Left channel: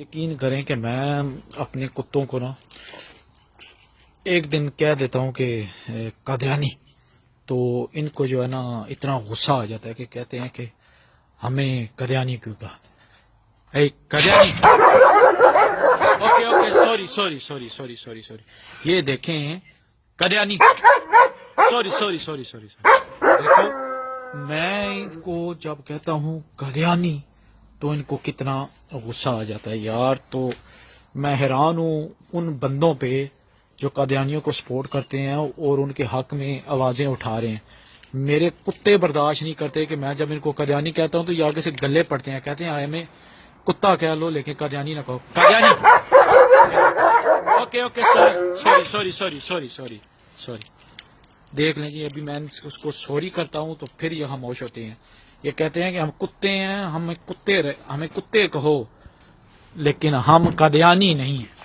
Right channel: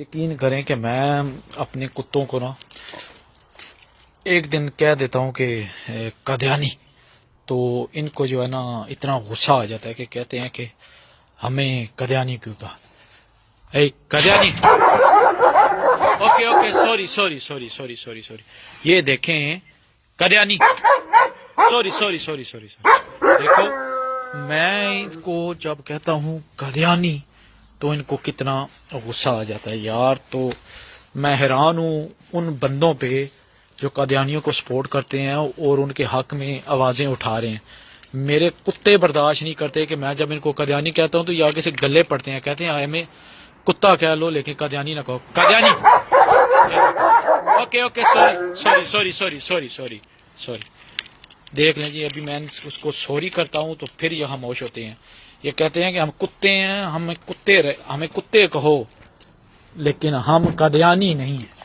یقین کریں کہ میں اپنے کتوں کو نا ایک دن کہہ دیتا ہوں کہ قادیانی، تو ان کو جو ہے نا اتنا غصہ آ جاتا ہے کہ کہتے ہیں کہ ہمیں قادیانی کیوں کہا۔ اے قادیانی، okay okay, sorry sorry sorry sorry sorry sorry, یہ دیکھیں قادیانی، sorry sorry sorry sorry sorry, دیکھو میں ان کو جب کہتا ہوں قادیانی تو ان کو کتنا غصہ آ جاتا ہے یار۔ تو میں حیران ہوں ان بندوں پہ جو قادیانیوں کو سپورٹ کرتے ہیں اور ان کے حق میں آوازیں اٹھا رہے ہیں۔ میرے کتے برداشت نہیں کرتے کہ میں جب ان کو قادیانی کہتا ہوں تو یہ آگے سے گلے پڑتے ہیں، کہتے ہیں آئے میں کتا کہہ لو لیکن قادیانی نہ کہو، Qadiani. Okay okay, sorry sorry sorry sorry sorry sorry, دیکھ لیں جی، ابھی میں اس کو سوری کرتا ہوں تو پھر یہ خاموش ہوتے ہیں۔ یہ کہتے ہیں کہ ہم کتے ہیں، ہمیں کتے کہو لیکن ہم قادیانی نہیں ہیں۔